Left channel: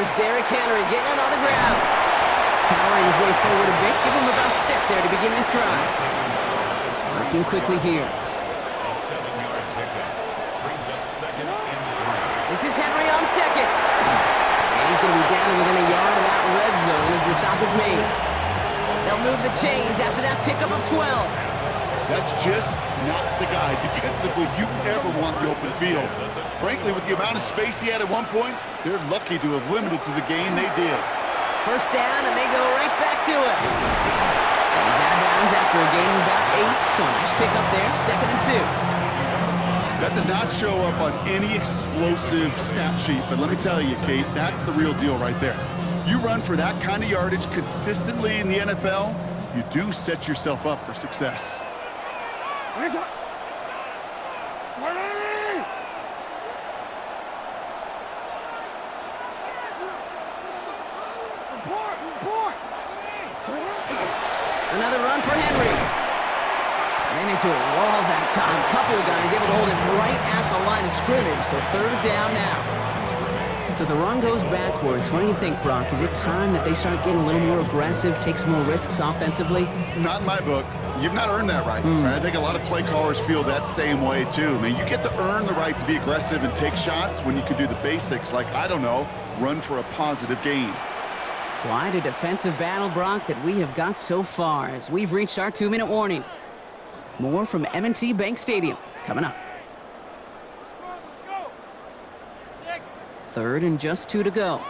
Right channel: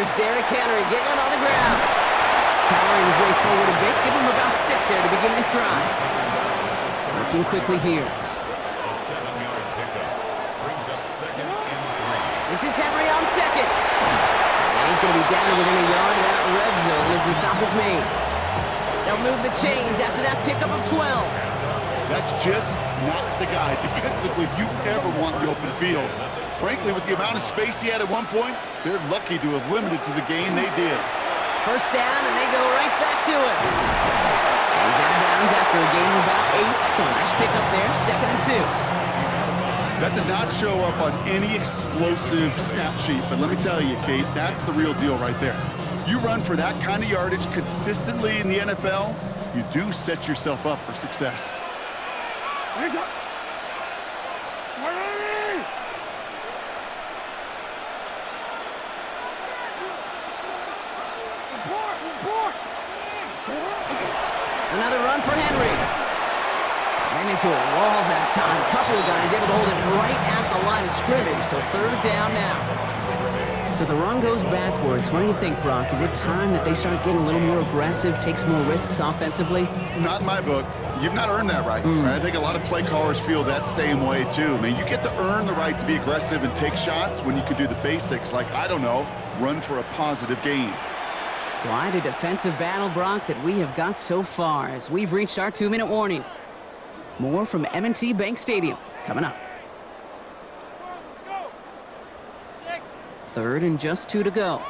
Here's Derrick Henry getting it on the ground. Powering his way forward a bit. Give him about 6 there to begin this drive. Working quickly here. A 7-yard pickup. Brings up 2nd and 3. This is Henry on 2nd. And he's going to be down to within a yard of that red zone as the stop is made. They'll move the chains after that pickup of 12. That's just not the guy defensively you ever want in the open field. Frankly, with the amount of space he had at one point, they're lucky to have limited to the gain they did. First down, and they go right back to it. And he's out of bounds after a gain of about 8, so a nice pickup there, 2nd and 2. That does not show up on any explosive stat sheet, but let me tell you, Kate, that's the real deal right there. You run for that kind of yardage consistently in the NFL, you do set yourself up for success. Another run for Henry. Ran into a wall that time. A couple of guys able to hold him right at the line of scrimmage, so 3rd down now. So the run goes backwards. What do you think, Brock? Is it time that they start getting a little more aggressive, take some more risks offensively? Not in my book. You've not earned that right. I think a lot of play callers feel that same way, too. I mean, you get to earn the right to be aggressive and take shots when you can do the basics, like, I don't know, run for a positive gain. Quite a defensive battle, Brock, that we have got so far as we've reached our 2-minute warning. More from M&T Bank Stadium coming up. 3rd and just 2 to go.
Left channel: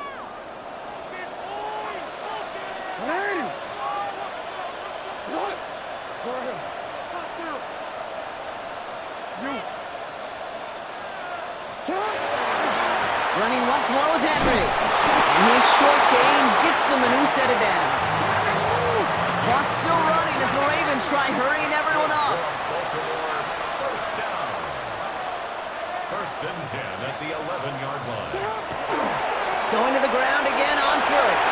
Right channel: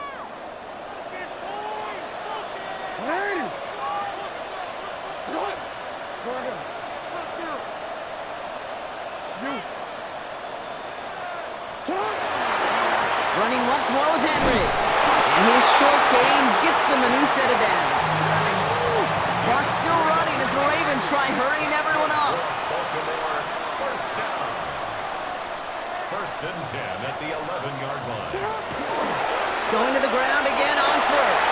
Running once more with Henry. And his short gain gets them a new set of downs. Clock's still running as the Ravens try hurrying everyone up. Baltimore, first down. 1st and 10 at the 11-yard line. Going to the ground again on 1st.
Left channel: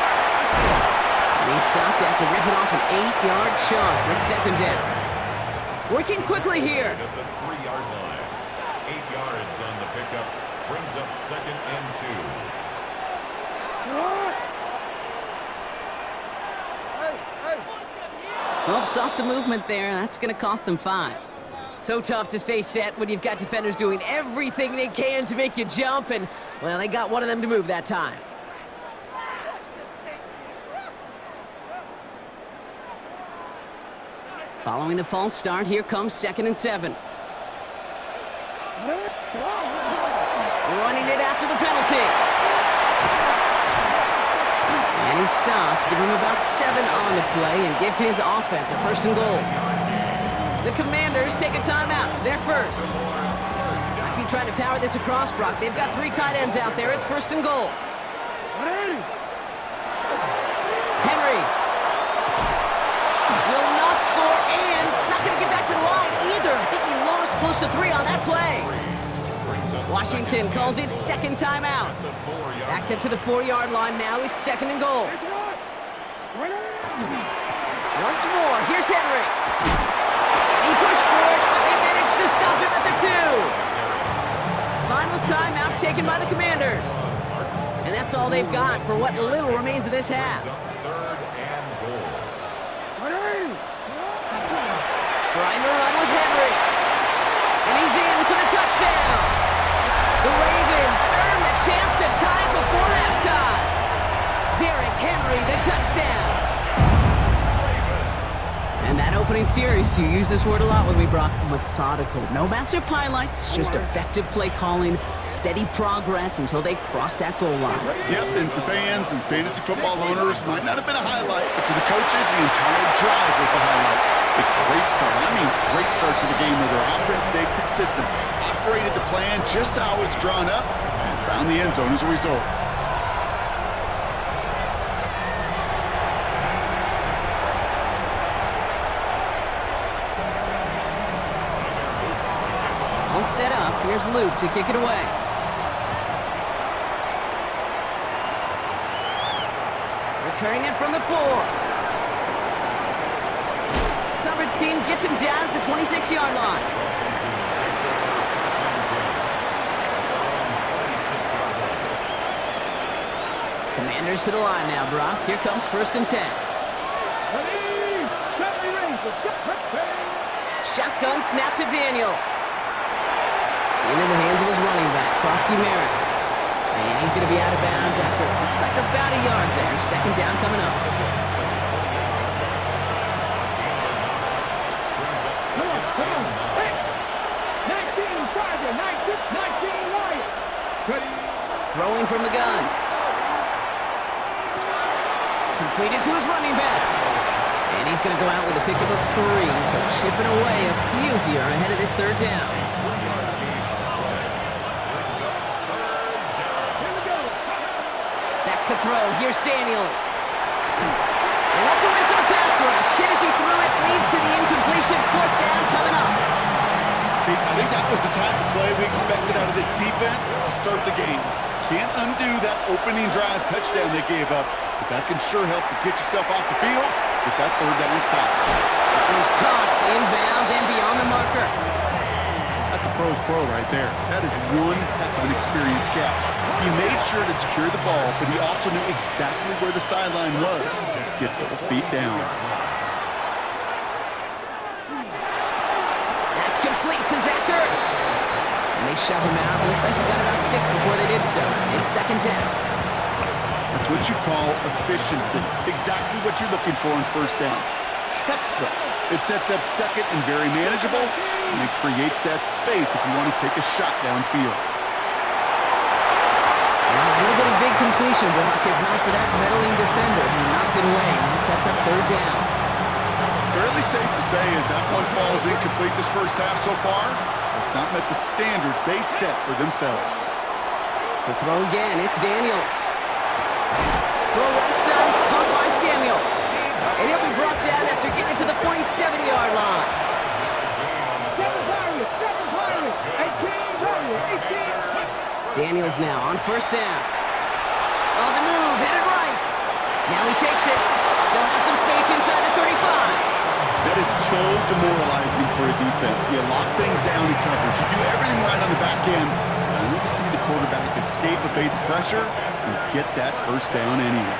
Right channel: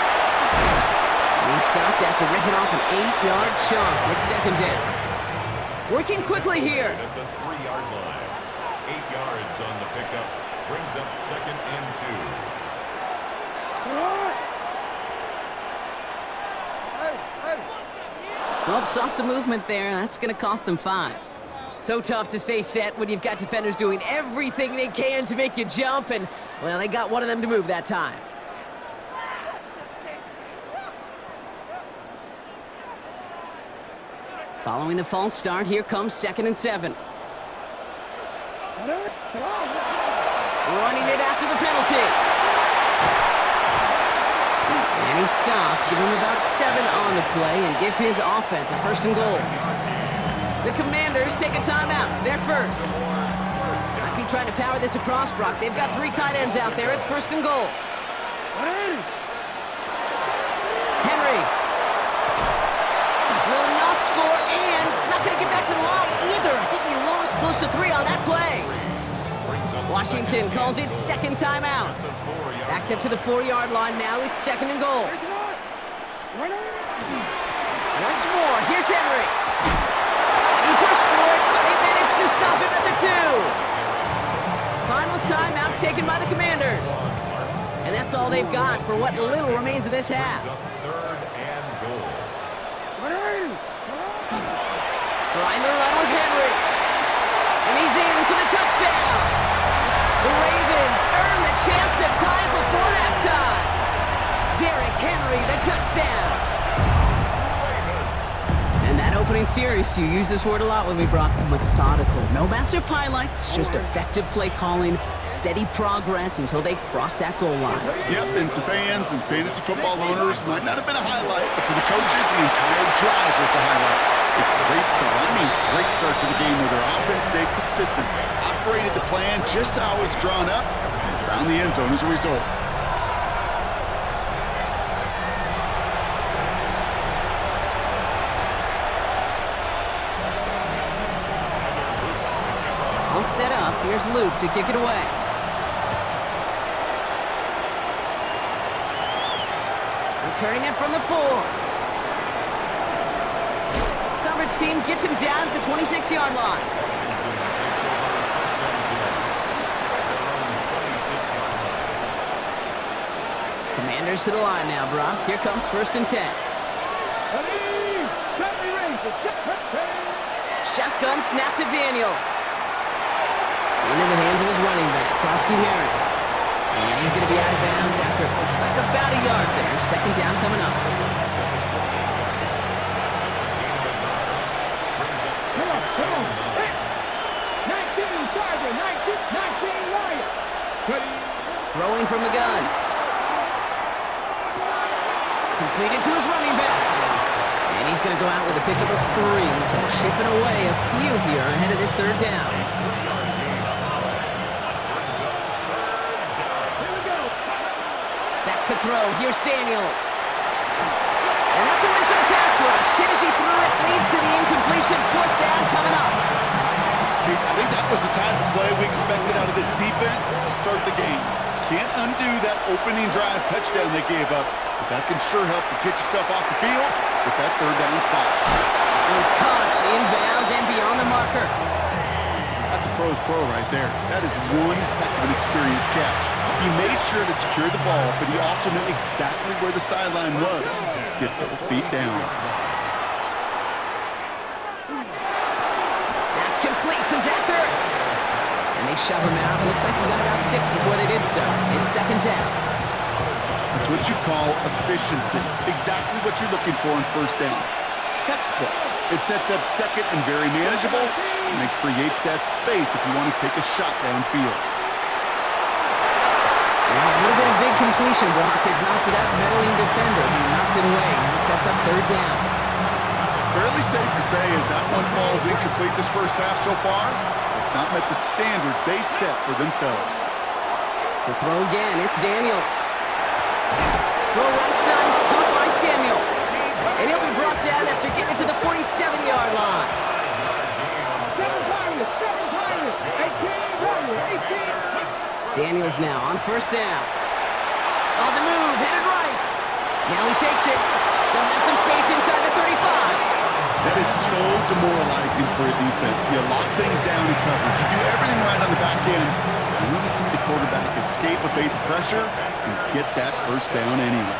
And he stopped after ripping off an 8-yard chunk. It's 2nd down. Working quickly here. At the 3-yard line. 8 yards on the pickup. Brings up 2nd and 2. Well, saw some movement there. That's going to cost them 5. So tough to stay set when you've got defenders doing everything they can to make you jump, and, well, they got one of them to move that time. Following the false start, here comes 2nd and 7. Running it after the penalty. And he stopped, give him about 7 on the play, and give his offense a 1st and goal. The Commanders take a timeout. They're first. Might be trying to power this across, Brock. They've got 3 tight ends out there. It's 1st and goal. Henry will not score, and it's not going to get back to the line either. I think he lost close to 3 on that play. Washington calls it 2nd timeout. Backed up to the 4-yard line now. It's 2nd and goal. Once more, here's Henry. And he pushed for it, but they managed to stop him at the 2. Final timeout taken by the Commanders. And that's all they've got for what little remains of this half. 3rd and goal. Trying to run with Henry. And he's in for the touchdown. The Ravens earn the chance to tie it before halftime. Derrick Henry, the touchdown. And that opening series, you use this word a lot with me, Brock, methodical. No massive highlights, just effective play calling, steady progress until they cross that goal line. Yep, and to fans and fantasy football owners, might not have been a highlight, but to the coaches, the entire drive was the highlight. A great start. I mean, great start to the game where their offense stayed consistent, operated the plan just how it was drawn up, and found the end zone as a result. All set up. Here's Luke to kick it away. Returning it from the 4. Coverage team gets him down at the 26-yard line. Washington takes over 1st and 10 at their own 26-yard line. Commanders to the line now, Brock. Here comes 1st and 10. Shotgun snap to Daniels. Into the hands of his running back, Krosky Merritt. And he's going to be out of bounds after it looks like about a yard there. 2nd down coming up. Come on. Hey. 19 Tiger, 19 Lion. Ready. Throwing from the gun. Completed to his running back. And he's going to go out with a pickup of 3. So chipping away a few here ahead of this 3rd down. Here we go. Back to throw. Here's Daniels. And that's a win for the pass rush. Hit as he threw it. Leads to the incompletion. 4th down coming up. I think that was the type of play we expected out of this defense to start the game. Can't undo that opening drive touchdown they gave up, but that can sure help to get yourself off the field with that 3rd down stop. That one's caught inbounds and beyond the marker. That's a pro's pro right there. That is one heck of an experienced catch. He made sure to secure the ball, but he also knew exactly where the sideline was to get both feet down. That's complete to Zach Ertz. And they shove him out. Looks like he got about 6 before they did so. It's 2nd down. That's what you call efficiency. Exactly what you're looking for in 1st down. Textbook. It sets up 2nd and very manageable, and it creates that space if you want to take a shot downfield. Now, a little bit of big completion, Brock, if not for that meddling defender who knocked it away. It sets up 3rd down. Fairly safe to say as that one falls incomplete this 1st half so far, it's not met the standard they set for themselves. To throw again, it's Daniels. Throw right side is caught by Samuel. And he'll be brought down after getting it to the 47-yard line. 7 Pirates, 18. Daniels now on 1st down. On the move, headed right. Now he takes it. Still has some space inside the 35. That is so demoralizing for a defense. You lock things down in coverage. You do everything right on the back end. And we see the quarterback escape, evade the pressure, and get that 1st down anyway.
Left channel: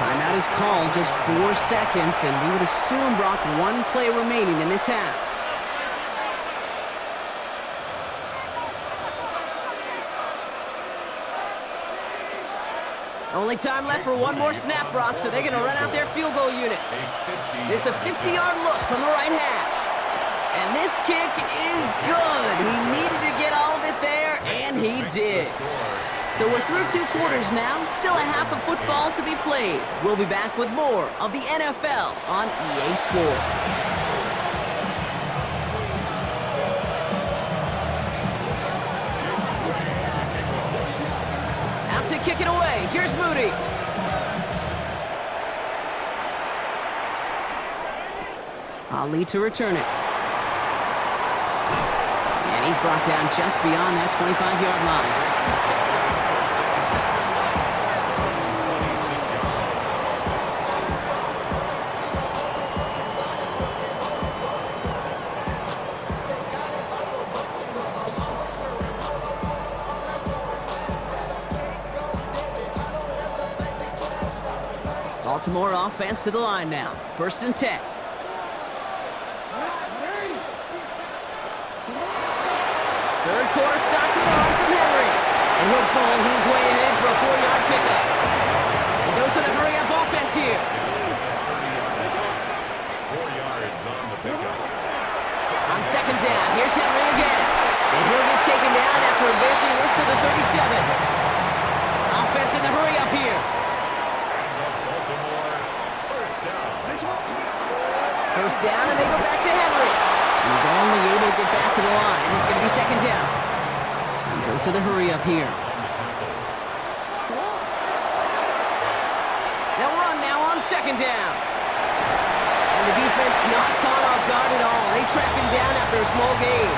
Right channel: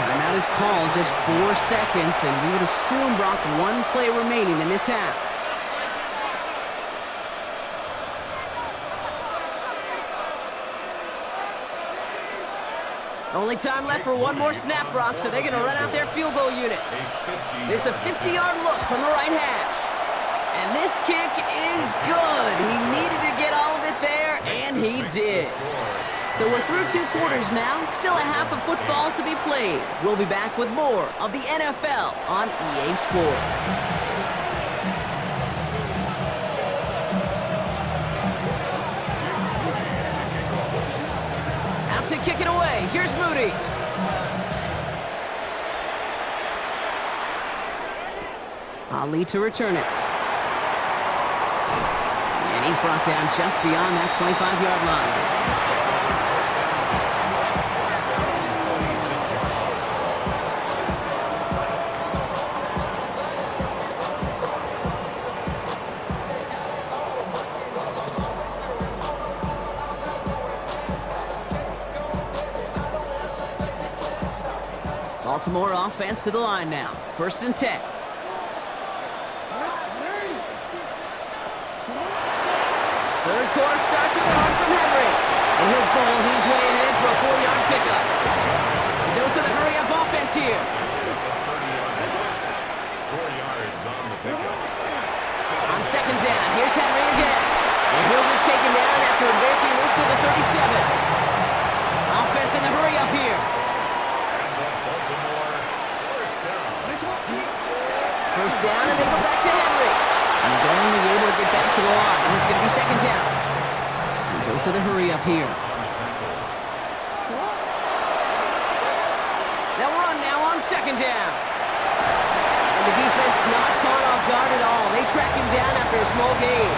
Timeout is called, just 4 seconds, and we would assume, Brock, 1 play remaining in this half. Only time left for 1 more snap, Brock, so they're going to run out their field goal unit. This is a 50-yard look from the right hash. And this kick is good. He needed to get all of it there, and he did. So we're through 2 quarters now, still a half of football to be played. We'll be back with more of the NFL on EA Sports. Out to kick it away, here's Moody. Ali to return it. And he's brought down just beyond that 25-yard line. Baltimore offense to the line now. 1st and 10. Third quarter starts with a run from Henry. And he'll bowl his way ahead for a 4-yard pickup. The dose of the hurry-up offense here. 4 yards on the pickup. On 2nd down, here's Henry again. And he'll get taken down after advancing this to the 37. Offense in the hurry-up here. First down, and they go back to Henry. He's only able to get back to the line. It's going to be 2nd down. And dose of the hurry up here. They'll run now on 2nd down. And the defense not caught off guard at all. They track him down after a small gain.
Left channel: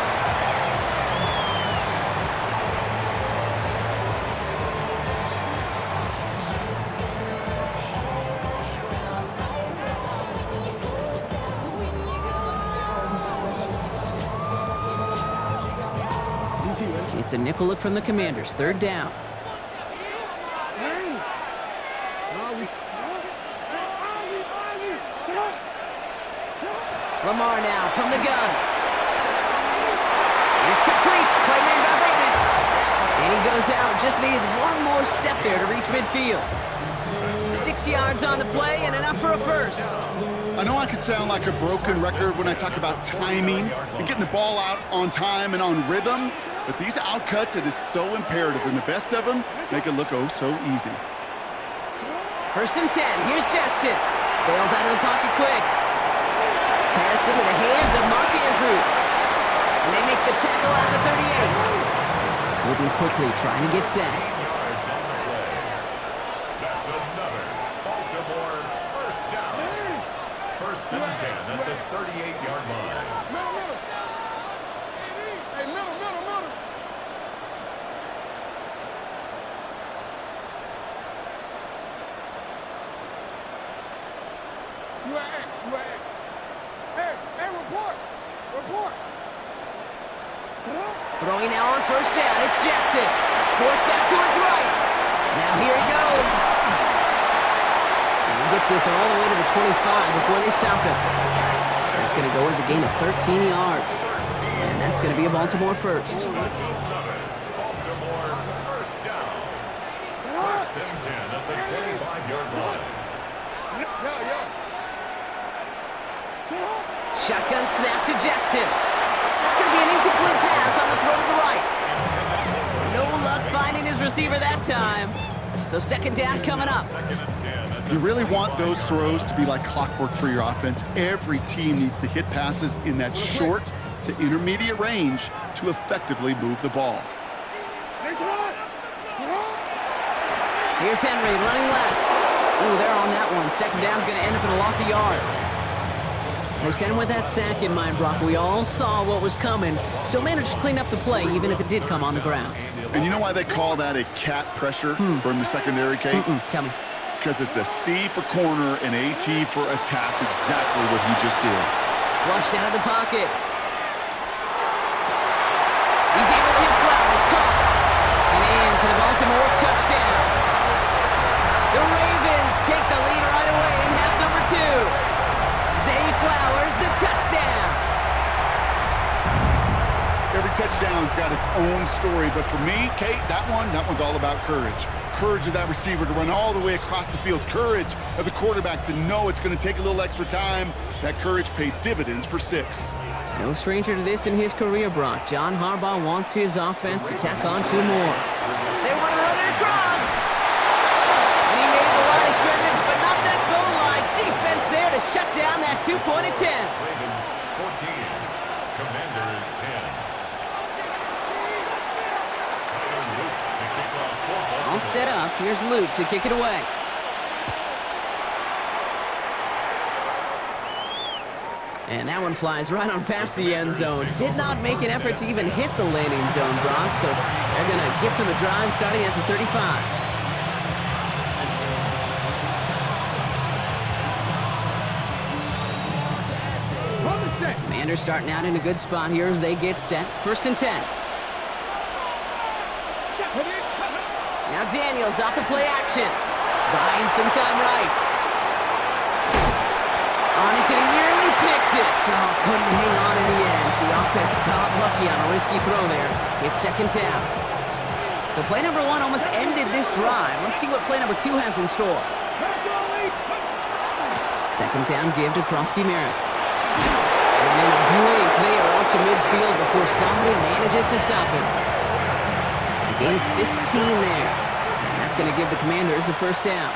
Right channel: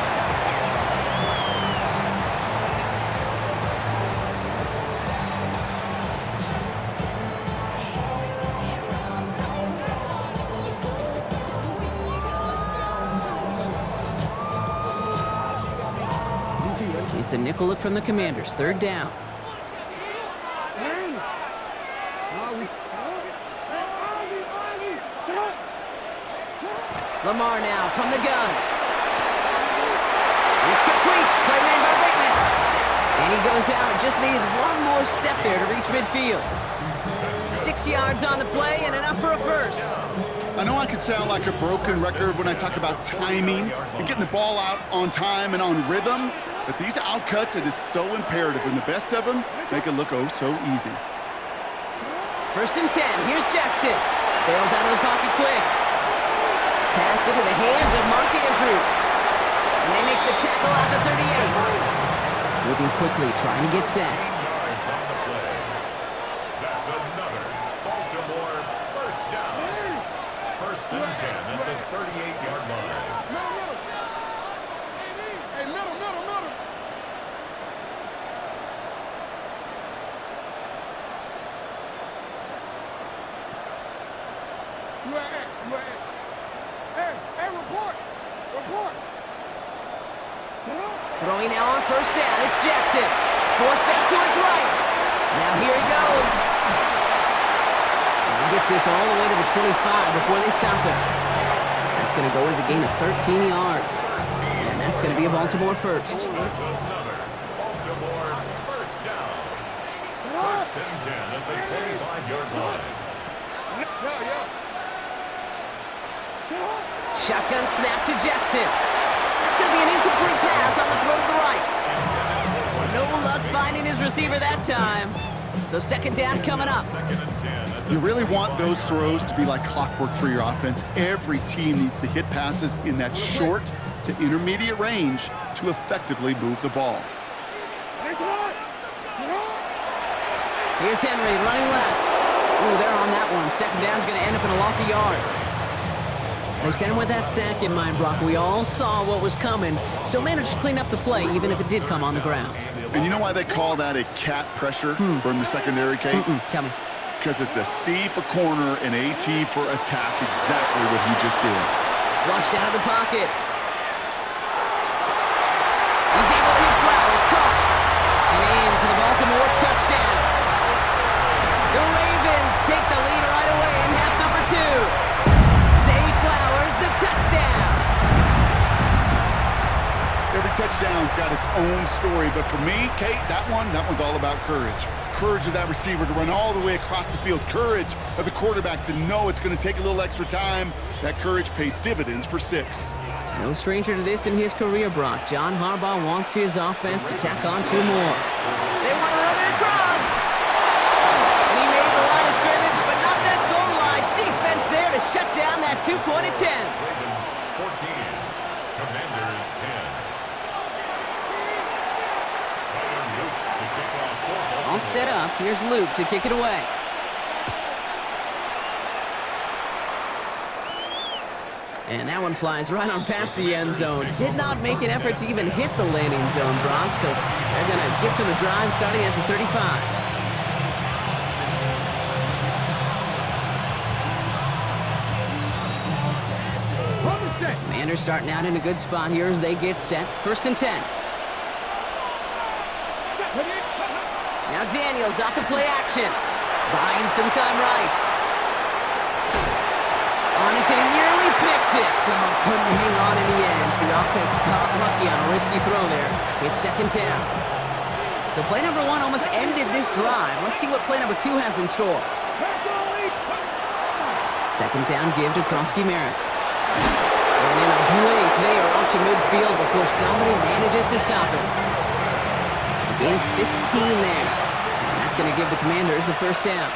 It's a nickel look from the Commanders. 3rd down. Lamar now from the gun. It's complete. Play made by Bateman. And he goes out. Just needed one more step there to reach midfield. 6 yards on the play and enough for a first. I know I could sound like a broken record when I talk about timing and getting the ball out on time and on rhythm, but these outcuts, it is so imperative, and the best of them make it look oh so easy. 1st and 10. Here's Jackson. Bails out of the pocket quick. Pass into the hands of Mark Andrews. And they make the tackle at the 38. Moving quickly, trying to get set. 15 yards on the play. That's another Baltimore first down. 1st and 10 at the 38-yard line. Middle. Hey, middle. You are X. Hey, report. Throwing now on 1st down. It's Jackson. Forced that to his right. Now here he goes. And he gets this all the way to the 25 before they stop him. That's going to go as a gain of 13 yards. And that's going to be a Baltimore first. That's another Baltimore first down. 1st and 10 at the 25-yard line. Shotgun snap to Jackson. That's going to be an incomplete pass on the throw to the right. No luck finding his receiver that time. So 2nd down coming up. 2nd and 10 at the You really want those throws to be like clockwork for your offense. Every team needs to hit passes in that short to intermediate range to effectively move the ball. Here's Henry running left. Ooh, they're on that one. 2nd down's going to end up in a loss of yards. They sent him with that sack in mind, Brock. We all saw what was coming. Still managed to clean up the play, even if it did come on the ground. And you know why they call that a cat pressure from the secondary, Kate? Tell me. Because it's a C for corner and AT for attack, exactly what he just did. Flushed out of the pocket. He's able to hit Flowers. Caught. And in for the Baltimore touchdown. The Ravens take the lead right away in half number 2. Zay Flowers, the touchdown. Every touchdown's got its own story, but for me, Kate, that one's all about courage. Courage of that receiver to run all the way across the field. Courage of the quarterback to know it's going to take a little extra time. That courage paid dividends for 6. No stranger to this in his career, Brock. John Harbaugh wants his offense to tack on 2 more. They want to run it across. And he made the line of scrimmage, but not that goal line. Defense there to shut down that 2-point attempt. Ravens 14, Commanders 10. Tyler Luke to kick off for Baltimore. All set up. Here's Luke to kick it away. And that one flies right on past the end zone. Did not make an effort to even hit the landing zone, Brock. So they're going to gift him the drive starting at the 35. Commanders starting out in a good spot here as they get set. 1st and 10. Now Daniels off the play action. Buying some time right. On it, and he nearly picked it. Oh, couldn't hang on in the end. The offense got lucky on a risky throw there. It's 2nd down. So play number 1 almost ended this drive. Let's see what play number 2 has in store. 2nd down give to Krosky-Merritt. And in a blink, they are off to midfield before somebody manages to stop him. Gain 15 there. And that's going to give the Commanders a 1st down.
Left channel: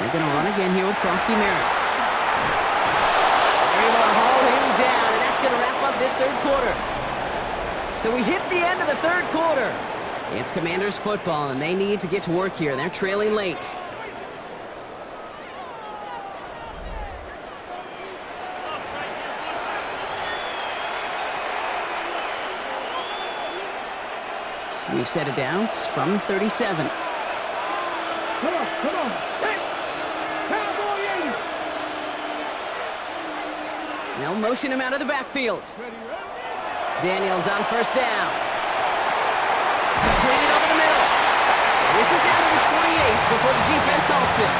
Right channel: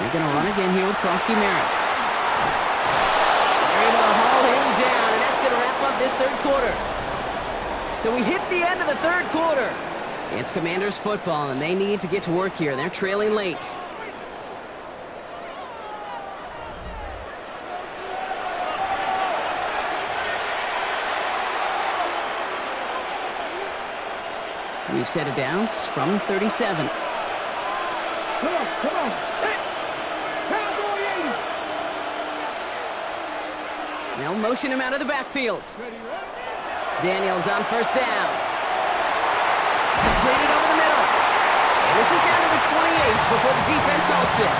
They're going to run again here with Krosky-Merritt. They're able to haul him down, and that's going to wrap up this 3rd quarter. So we hit the end of the 3rd quarter. It's Commanders football, and they need to get to work here. They're trailing late. We've set it down from 37. Come on. Hey! Cowboy 80! They'll motion him out of the backfield. Daniels on 1st down. Completed over the middle. And this is down to the 28 before the defense halts it.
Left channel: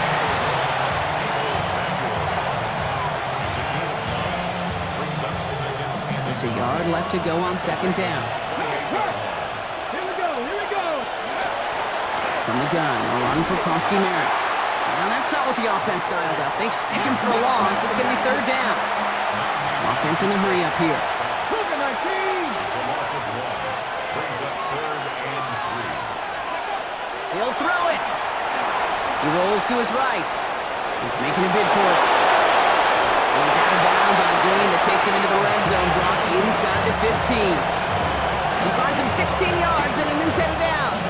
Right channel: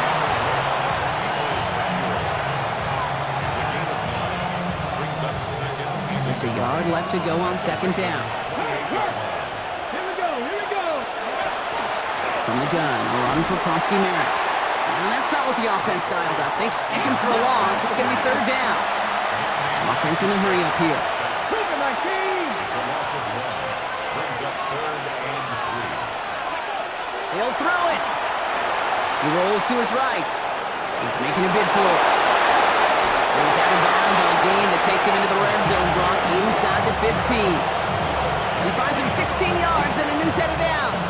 Just a yard left to go on second down. Here we go. From the gun, a run for Krosky Merritt. Now that's not what the offense styled up. They stick him for a loss. It's going to be third down. Offense in the hurry up here. Moving 19. It's a loss of 1. Brings up 3rd and 3. He'll throw it. He rolls to his right. He's making a bid for it. And he's out of bounds on a gain that takes him into the red zone, Brock, inside the 15. He finds him 16 yards and a new set of downs.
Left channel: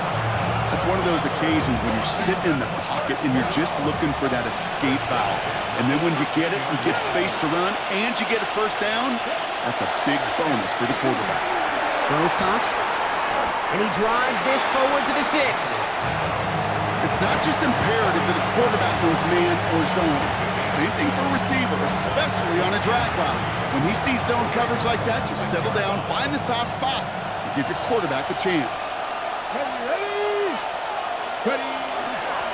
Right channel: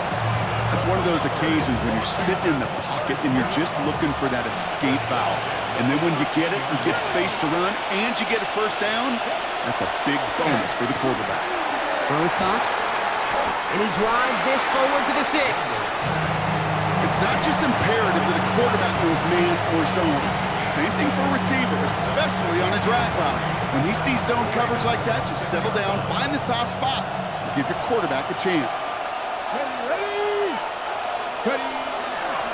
That's one of those occasions when you're sitting in the pocket and you're just looking for that escape valve. And then when you get it, you get space to run, and you get a first down. That's a big bonus for the quarterback. Throws caught. And he drives this forward to the 6. It's not just imperative that a quarterback knows man or zone. Same thing for a receiver, especially on a drag route. When he sees zone coverage like that, just settle down, find the soft spot, and give your quarterback a chance. Ready.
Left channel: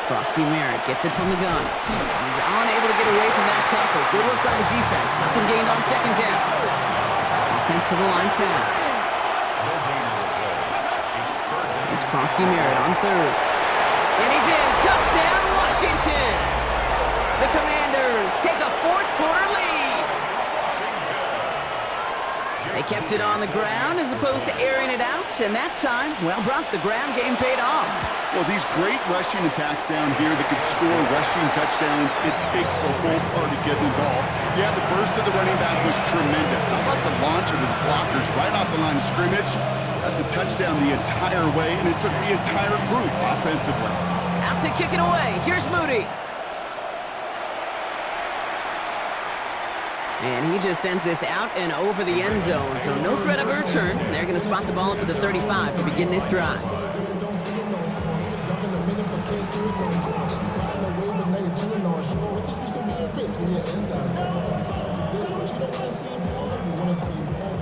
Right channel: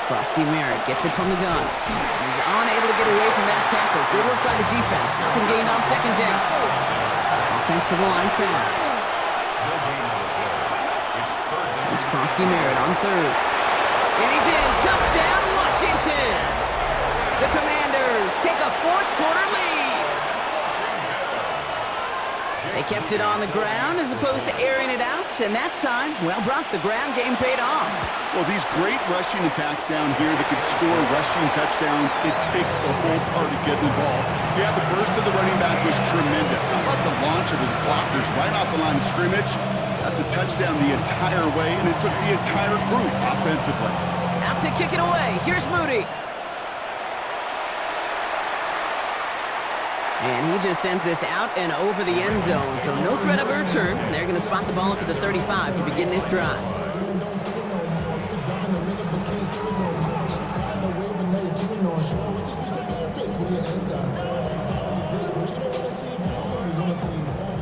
Krosky Merritt gets it from the gun. And he's unable to get away from that tackle. Good work by the defense. Nothing gained on second down. Offense to the line fast. No gain on the play. It's 3rd down. It's Krosky Merritt on 3rd. And he's in. Touchdown, Washington! The Commanders take a 4th quarter lead. They kept it on the ground as opposed to airing it out, and that time, well, Brock, the ground game paid off. Well, these great rushing attacks down here that could score rushing touchdowns, it takes the whole party getting involved. Yeah, the burst of the running back was tremendous. How about the launch of his blockers right off the line of scrimmage? That's a touchdown the entire way, and it took the entire group offensively. Out to kick it away. Here's Moody. And he just sends this out and over the end zone, so no threat of a return. They're going to spot the ball up at the 35 to begin this drive.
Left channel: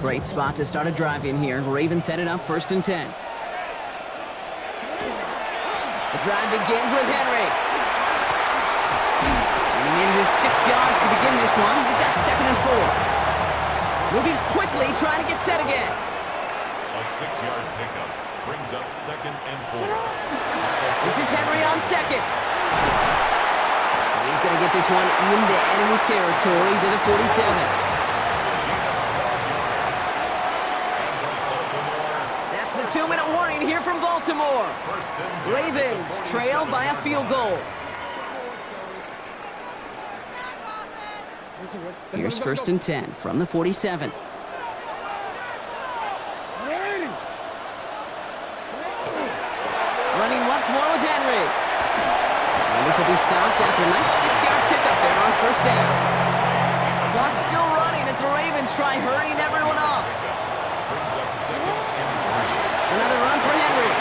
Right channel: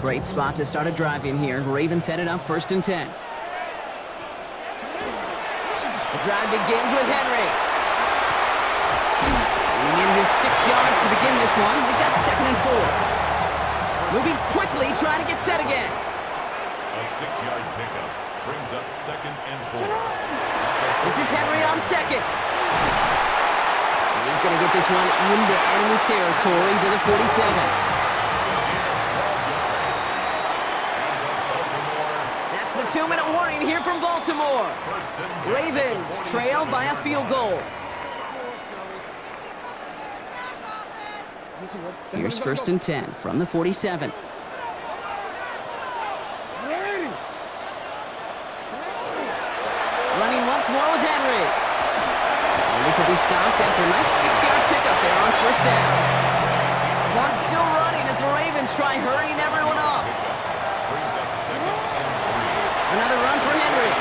Great spot to start a drive in here. Ravens set it up 1st and 10. The drive begins with Henry. And he manages 6 yards to begin this one. We've got 2nd and 4. Moving quickly, trying to get set again. A 6-yard pickup brings up 2nd and 4. This is Henry on 2nd. And he's going to get this one into enemy territory to the 47. That's the 2-minute warning here from Baltimore. Ravens trail by a field goal. Here's 1st and 10 from the 47. Running once more with Henry. And this will be stopped after a nice 6-yard pickup there on 1st down. Clock's still running as the Ravens try hurrying everyone up. Brings up 2nd and 3. Another run for Henry.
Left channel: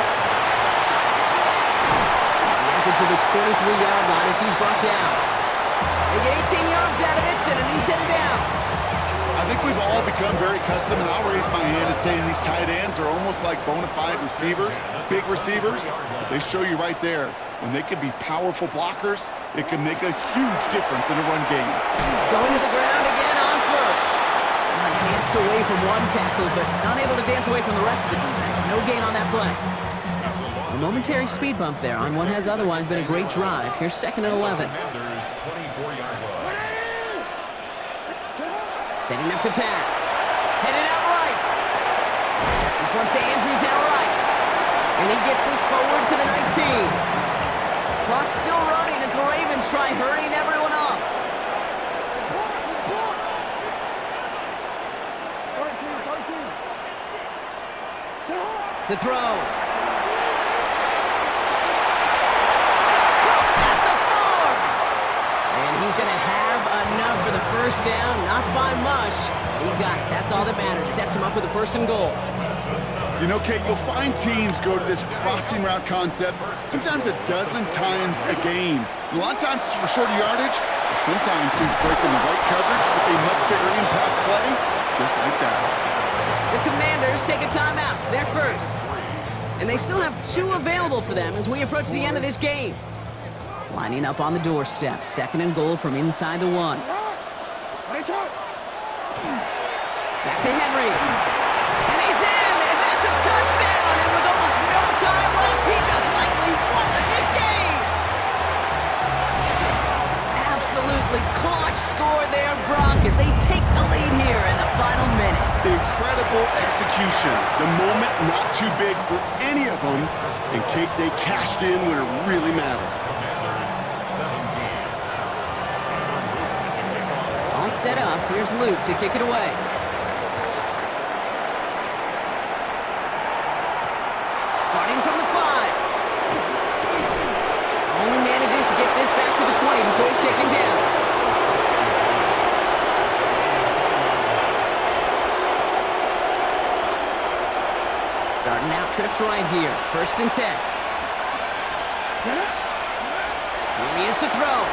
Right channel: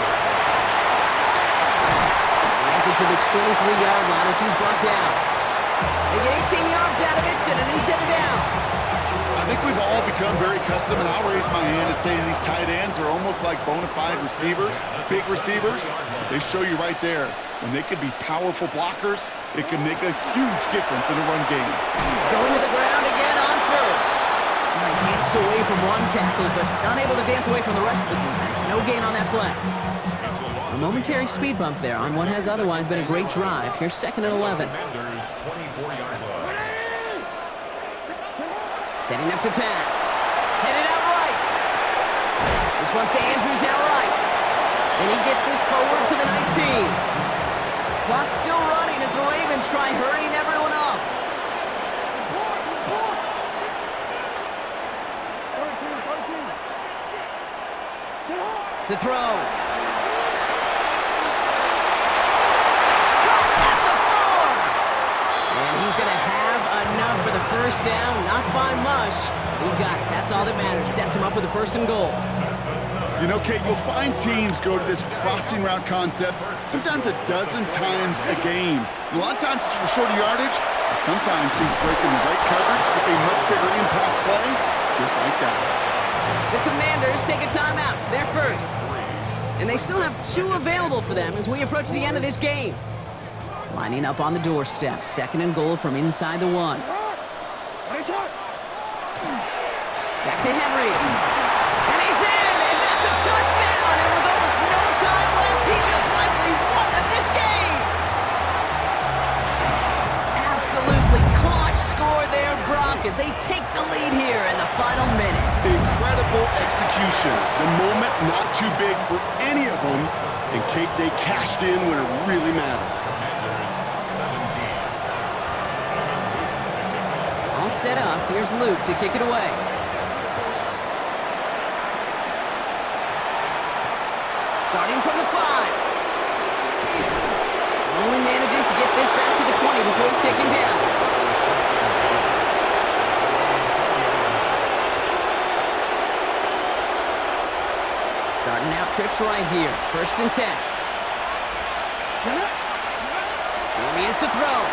He has it to the 23-yard line as he's brought down. They get 18 yards out of it and a new set of downs. I think we've all become very accustomed, and I'll raise my hand at saying these tight ends are almost like bona fide receivers, big receivers. But they show you right there, when they can be powerful blockers, it can make a huge difference in a run game. Going to the ground again on 1st. Well, he danced away from one tackle, but unable to dance away from the rest of the defense. No gain on that play. A momentary speed bump there on what has otherwise been a great drive. Here's 2nd and 11. Commanders 24-yard line. Setting up to pass. Headed out right. This one's to Andrews out right. And he gets this forward to the 19. Clock's still running as the Ravens try hurrying everyone up. Report. 13. To throw. It's caught at the 4. And he's going to have enough for the first down. Not by much, but he got it. That's all that matters. Sets him up with a 1st and goal. You know, Kate, you'll find teams go to this crossing route concept sometimes a dozen times a game. A lot of times it's for shorter yardage, but sometimes teams breaking the right coverage with a much bigger impact play, just like that. The Commanders take a timeout. They're first. And they still have 2 available for them as we approach the end of this game. Lining up on the doorstep. 2nd and goal from inside the 1. Back to Henry. And he's in, and that's a touchdown. And with almost no time left, he just likely won this game. Absolutely clutch score there, Brock, as they take the lead here in the final minutes. Incredible execution. The moment not too big for any of them. And Kate, they cashed in when it really mattered. Commanders 17. All set up. Here's Luke to kick it away. Starting from the 5. Only manages to get this back to the 20 before he's taken down. Starting out trips right here. 1st and 10. Here he is to throw.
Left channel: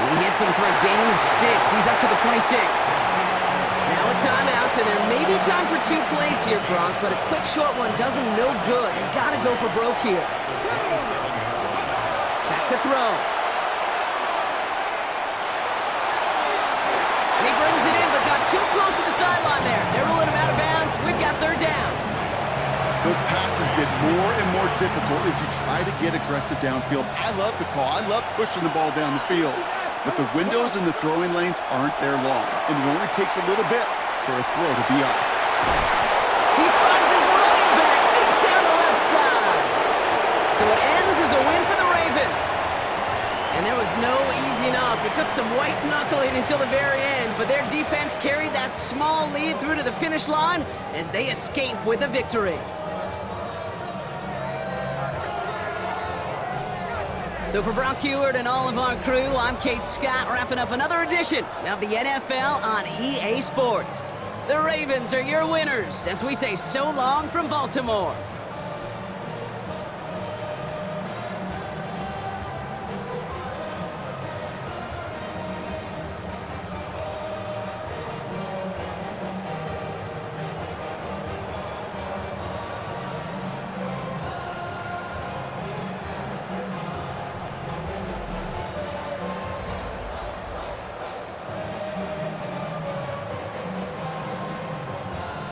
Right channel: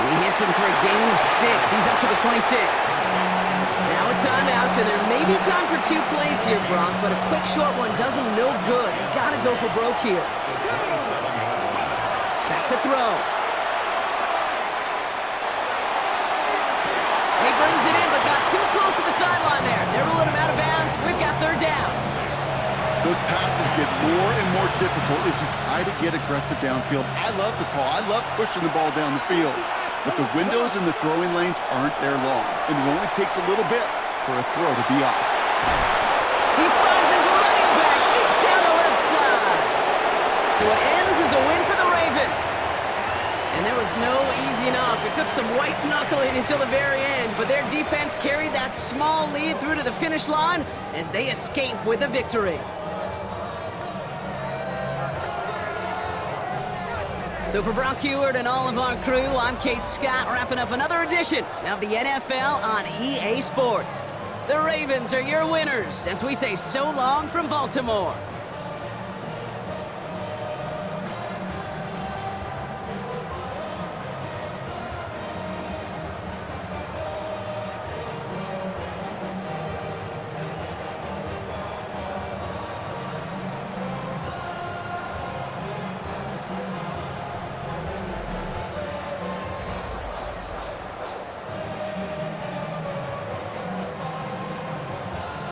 And he hits him for a gain of 6. He's up to the 26. Now a timeout, so there may be time for 2 plays here, Brock, but a quick short one does him no good. They gotta go for broke here. Back to throw. And he brings it in, but got too close to the sideline there. They're ruling him out of bounds. We've got 3rd down. Those passes get more and more difficult as you try to get aggressive downfield. I love the call. I love pushing the ball down the field. But the windows in the throwing lanes aren't there long, and it only takes a little bit for a throw to be off. He finds his running back deep down the left side. So it ends as a win for the Ravens. And there was no easing up. It took some white knuckling until the very end, but their defense carried that small lead through to the finish line as they escape with a victory. So for Brock Huard and all of our crew, I'm Kate Scott, wrapping up another edition of the NFL on EA Sports. The Ravens are your winners as we say so long from Baltimore.